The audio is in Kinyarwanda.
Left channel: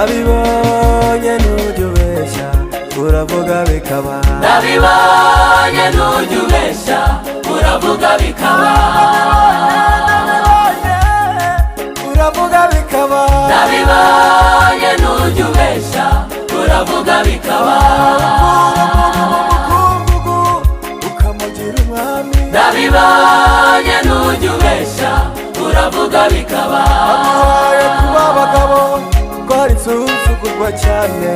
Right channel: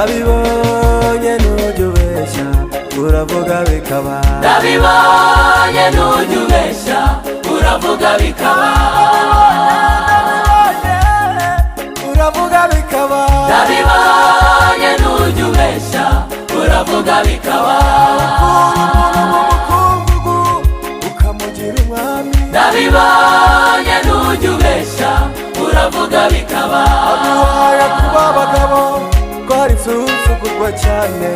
nabibonye nujya ubeshya uravuga bikaba, nabibonye nujya ubeshya uravuga bikaba, nabibonye uravuga bikaba, nabibonye nujya ubeshya uravuga bikaba, ukura umuntu mu mukungugu ukamugira umwami, nabibonye nujya ubeshya uravuga bikaba, aduhaye kuba abagabo twari insuzugurwa cyane.